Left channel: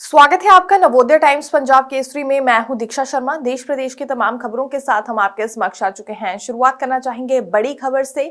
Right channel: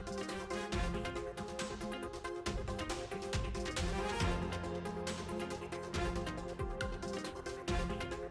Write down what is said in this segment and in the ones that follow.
स्वागत है आपका नवोदय टाइम्स पंजाब केसरी में। मैं हूं दीक्षा शर्मा। देश प्रदेश की तमाम खबरों के साथ हम आपके समक्ष आ चुके हैं। शुरुआत करना चाहेंगे बड़ी खबर से।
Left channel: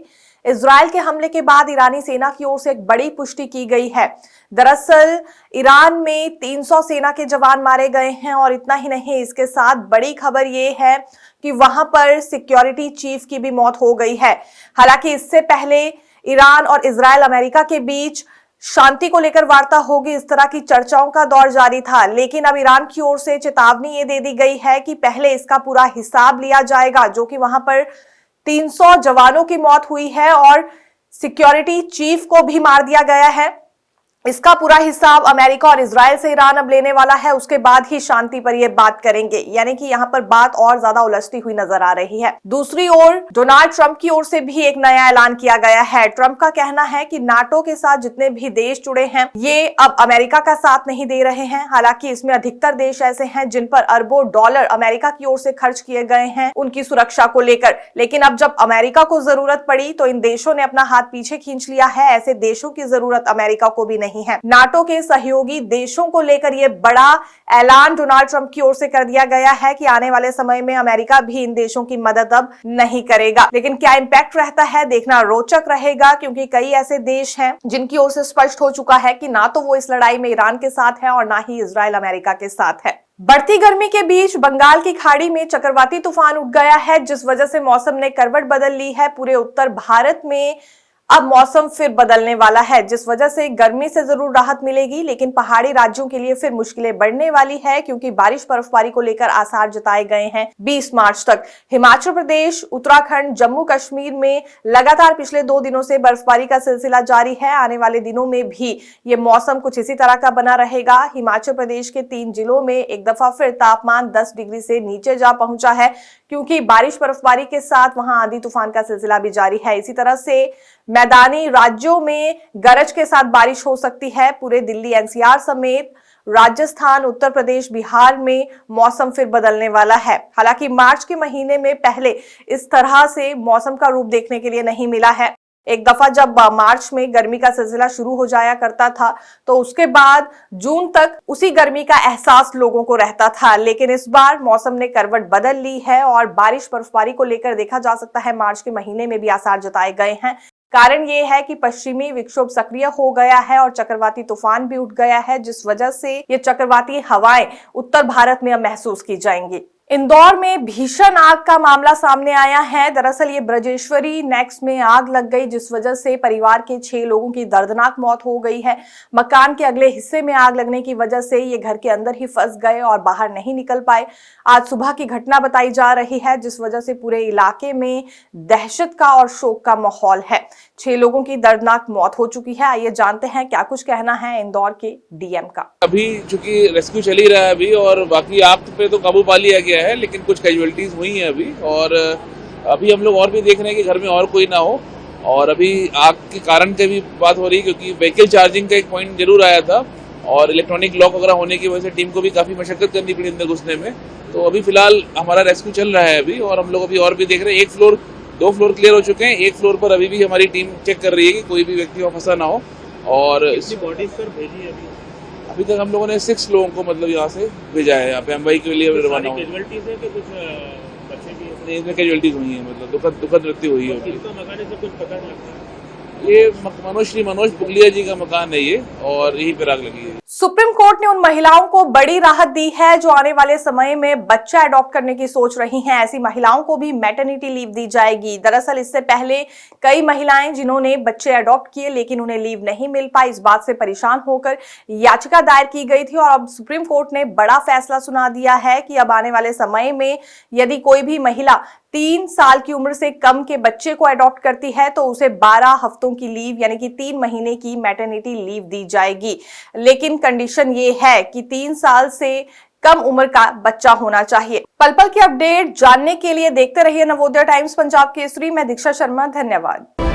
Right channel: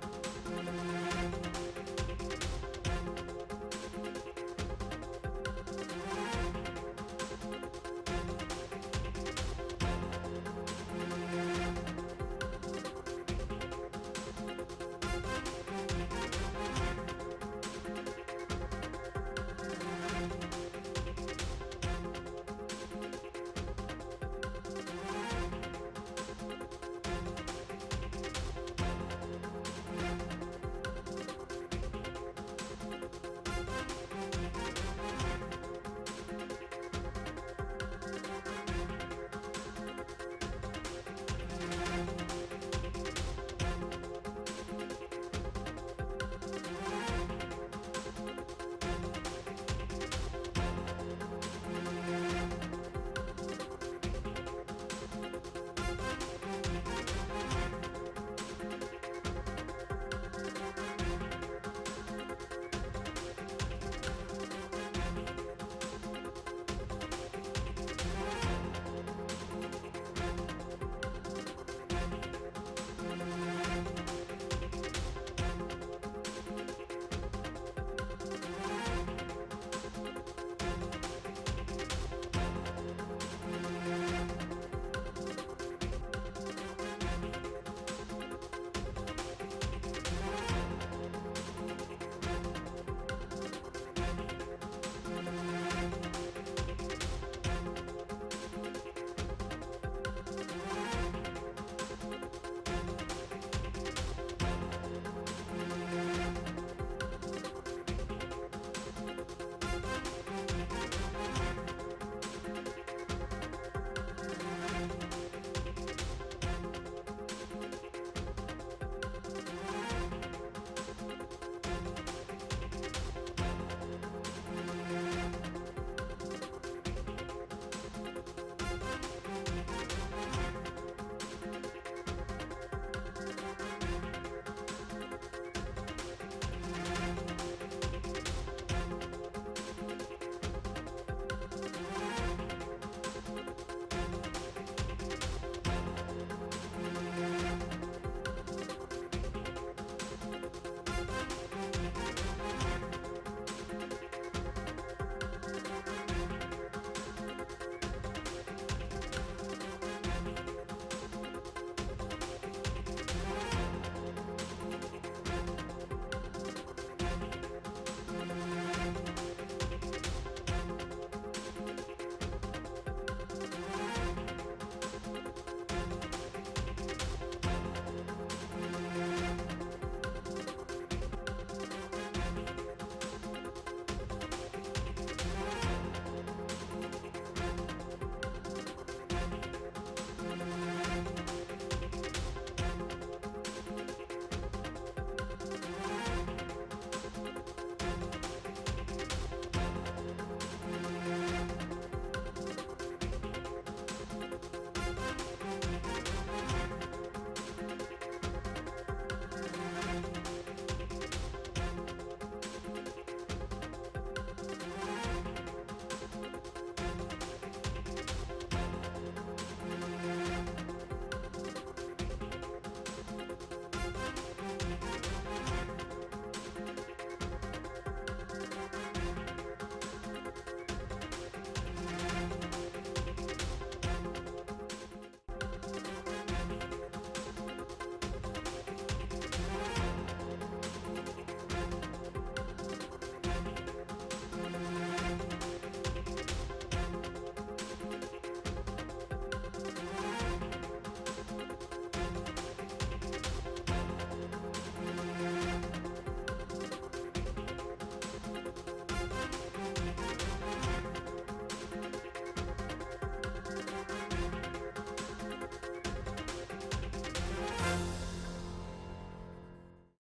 इजरायल के हमले के बाद ईरानी सेना की ओर से एक बड़ी पुष्टि की गई है। दरअसल ईरान में 300 सेना के जवान मारे गए हैं और इतना ही नहीं, इसके साथ बड़ी खबर ये है कि वहां पर सिक्योरिटी चीफ की भी मौत हो गई है। हालांकि इससे पहले ईरान और इजरायल अमेरिका के बीच शांति को लेकर वार्ता होगी, इस तरह की चर्चाओं का दौर जारी था। लेकिन अब ईरान की ओर से चेतावनी ये दे दी गई है कि पहले इसका पूरा हिसाब लिया जाएगा, जो कि वहां पर 300 जवानों की मौत हुई है और सिक्योरिटी चीफ को भी मार दिया गया है। इसका पूरा हिसाब अमेरिका और इजरायल से ईरान अब लेने वाला है। उसके बाद ही शांति पर यह बात करेंगे, यानी कि यहाँ पर बात और ज्यादा उलझती हुई नजर आ रही है। दूसरी ओर डोनाल्ड ट्रंप की ओर से भी एक नया ऐलान किया गया है। ट्रंप का कहना है कि नाटो के साथ जितने भी देश जुड़े हैं ये अब अमेरिका का साथ नहीं दे रहे हैं। हालांकि इसमें अधिकतर देश ऐसे हैं जिन पर अरबों डॉलर अमेरिका की ओर से खर्च किए गए हैं उनकी सुरक्षा को लेकर। लेकिन अब जब अमेरिका को जरूरत पड़ी तो इन देशों ने अपना हाथ पीछे खींच लिया है। ऐसे देशों की जरूरत अमेरिका को भी नहीं है। नाटो के सहयोगी देशों को लेकर यह बड़ा ऐलान डोनाल्ड ट्रंप की ओर से कर दिया गया है कि आने वाले समय में अमेरिका भी इन देशों की मदद अब नहीं करेगा। लेकिन क्या इंपैक्ट रहता है, देखना रोचक रहेगा, क्योंकि कई ऐसे देश हैं जिनकी ओर से स्पष्ट हो चुका है कि ना तो वो इस लड़ाई में ईरान के साथ है और ना ही इजरायल अमेरिका के साथ है। बढ़ती गर्मी के बीच बंगाल की खाड़ी में चक्रवाती तूफान उठ गया है, जिस वजह से मौसम ने करवट बदल ली है। पूरे उत्तर भारत में अब मौसम फिर बदलने वाला है, जिस वजह से गर्मी से जरूर राहत मिलेगी, लेकिन पहाड़ी राज्यों के लिए फिर मुश्किलें बढ़ने वाली है, क्योंकि बारिश बर्फबारी को लेकर आसार जताए गए हैं 20 मार्च तक। हिमाचल प्रदेश, उत्तराखंड, जम्मू कश्मीर में लगातार पिछले 2 दिनों से बर्फबारी का सिलसिला जारी है। आने वाले दिनों में भी ये मौसम कुछ इसी तरह का बना रहेगा। हिमाचल प्रदेश के 3 जिलों में एक दफा फिर तापमान 10 डिग्री से नीचे जा पहुंचा है, क्योंकि बारिश बर्फबारी के साथ वहां आंधी तूफान का सिलसिला भी जारी है। इसी तरह से मैदानी राज्यों में गरज के साथ बारिश हो सकती है। पूरे दिल्ली एनसीआर समेत राजस्थान, उत्तर प्रदेश, बिहार में मौसम फिर बदलने वाला है। हालांकि मार्च के महीने में पहले इस तरह से मौसम का रूप देखने के लिए नहीं मिला है। एक दफा जब मार्च में गर्मी का सिलसिला शुरू हो जाया करता था तो उसके बाद जून तक उसी गर्मी का एहसास लोगों को रहता था। लेकिन इस बार मौसम ने करवट बदल ली है और बारिश बर्फबारी को लेकर देखा जा सकता है मार्च के महीने में भी आसार जताए गए हैं। कारण ये है कि पश्चिमी विक्षोभ सक्रिय हो गया है और चक्रवाती तूफान भी उठ गया है, जिस वजह से ये चक्रवाती हवाएं उत्तर भारत में अब महसूस की जाएंगी। इंदौर में भीषण आग का मामला सामने आया है। दरअसल ये ब्रजेश्वरी नेक्स में आग लग गई, जिस वजह से परिवार के 6 लोगों की दर्दनाक मौत हो गई है। मकान के अगले हिस्से में आग लगने की वजह से ये घर के अंदर ही फंस गए और बाहर नहीं निकल पाए। आज सुबह की घटना बताई जा रही है, जिस वजह से पूरे इलाके में दहशत का और शोक का माहौल है। 6 लोगों की दर्दनाक मौत हो चुकी है। आइए जानते हैं क्या कुछ कहना है इंदौर के डीएम का। अभी चूंकि रेस्क्यू चल ही रहा है अभी, और बाकी आग पे तो काबू पा लिया गया है, लेकिन कुछ कैजुअलिटीज हुई हैं अभी। और अभी हम लोग और भी देख रहे हैं कि घर में और कोई ना हो। और अभी आग के कारण की भी बात हो रही है, क्योंकि व्हीकल चार्जिंग का एक पॉइंट जरूर आया था और इलेक्ट्रॉनिक लॉक वगैरह होने की वजह से टीम को भी काफ़ी मशक्कत करनी पड़ी अंदर घुसने में। तो अभी फिलहाल हमारा रेस्क्यू चल रहा है अभी, और हम लोग अभी और भी देख रहे हैं। 2 फ्लोर क्लियर हो चुके हैं। 1 फ्लोर पर अभी भी हमारी टीम चेक कर रही है कि कोई भी व्यक्ति वहाँ फंसा ना हो। और इसी बॉडीज पर भेजी है अभी तक हम लोगों ने 6 लोगों को मतलब यहाँ से भेजा है। यहाँ पे मुंबई के लिए रवाना हुआ। इसमें कैजुअलिटीज हुई है, मतलब दुखद मृत्यु हुई है। ये श्री मनोज पुगलिया जी का मकान है ये, और यहीं पर आग लगी है। सुप्रीम कोर्ट ने उन महिलाओं को बड़ी राहत दी है जो आने वाले समय में बच्चा अडॉप्ट करने की सोच रही हैं। ऐसी महिलाओं को भी मैटरनिटी लीव दी जाएगी। दरअसल इससे पहले कई महिलाएं जिन्होंने बच्चे अडॉप्ट किए लेकिन उन्हें लीव नहीं मिल पाई, इस बात से परेशान होकर याचिका दायर की गई थी। और अब सुप्रीम कोर्ट ने बड़ा फैसला सुना दिया है कि अब आने वाले समय में यदि कोई भी महिला 3 साल की उम्र से कम के बच्चे को अडॉप्ट करती है तो उसे 12 हफ्तों की लीव यानी कि 3 महीने की मैटरनिटी लीव दी जाएगी। लेकिन कंडीशन ये है कि 3 साल से कम उम्र का बच्चा होना चाहिए। पल पल की अपडेट जानने के लिए देखते रहिए नवोदय टाइम्स पंजाब केसरी। मैं दीक्षा शर्मा, धन्यवाद।